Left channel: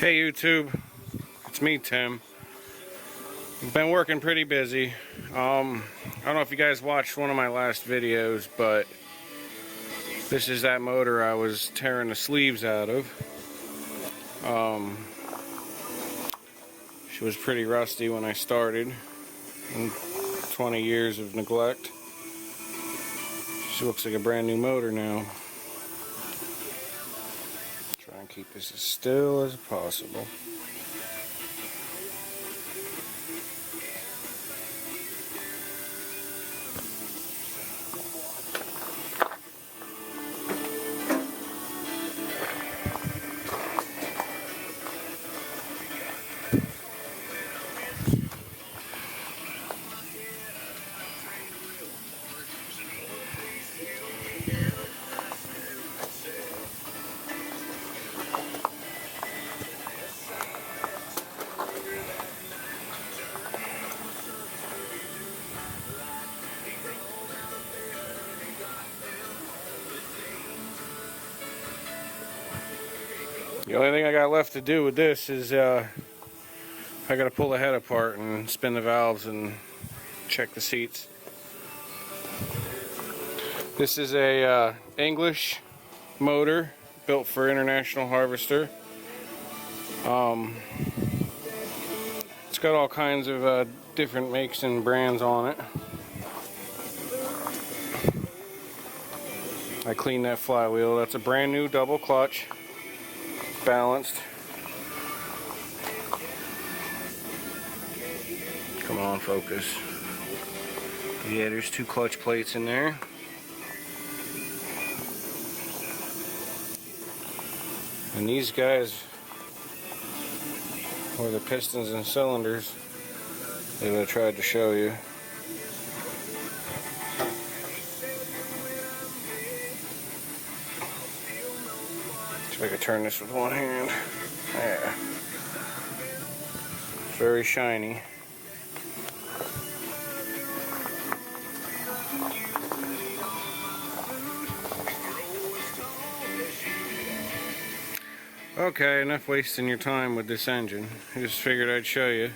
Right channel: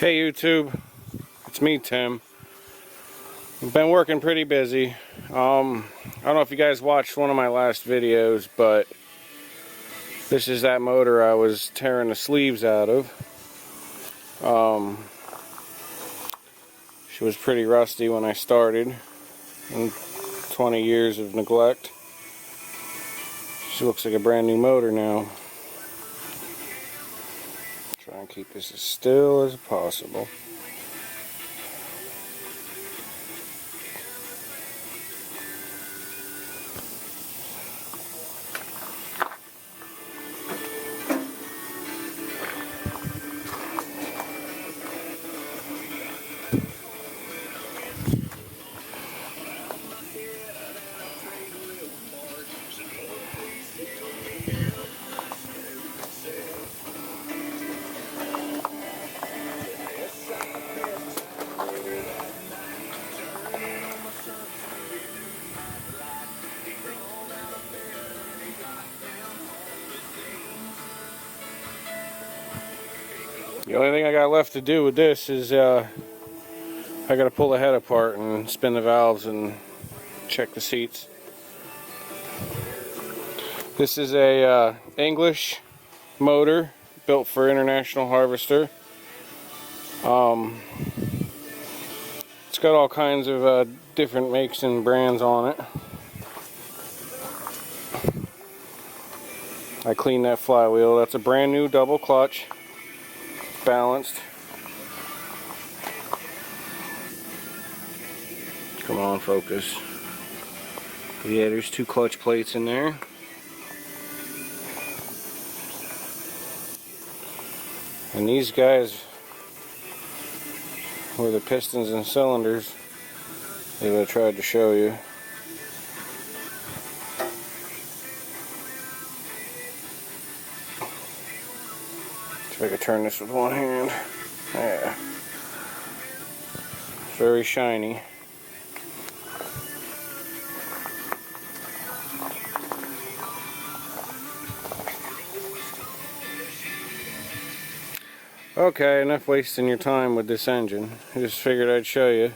Hey YouTube, it's me Tim. I've been working pretty busy. I don't know if you guys watched one of my last videos, but this is that motor I was tearing the sleeves out of. She was pretty rusty when I started, and 20 years of neglect. She looks like a brand new motor now. Try and keep this as still as possible. The only thing I got left to do with this is I got to pull the head apart and spin the valves and check the seats. This is a English motor built for International Harvester. It's got all kinds of different makes and brands on it. I cleaned that flywheel. That's a brand new double clutch, balanced. Come on, focus. Yeah, there's two clutch plates in there. And these guys were the pistons and cylinders that I tried to show you. See if I can turn this with one hand. There. Very shiny. Okay, enough wasting your time with this engine. I just figured I'd show you.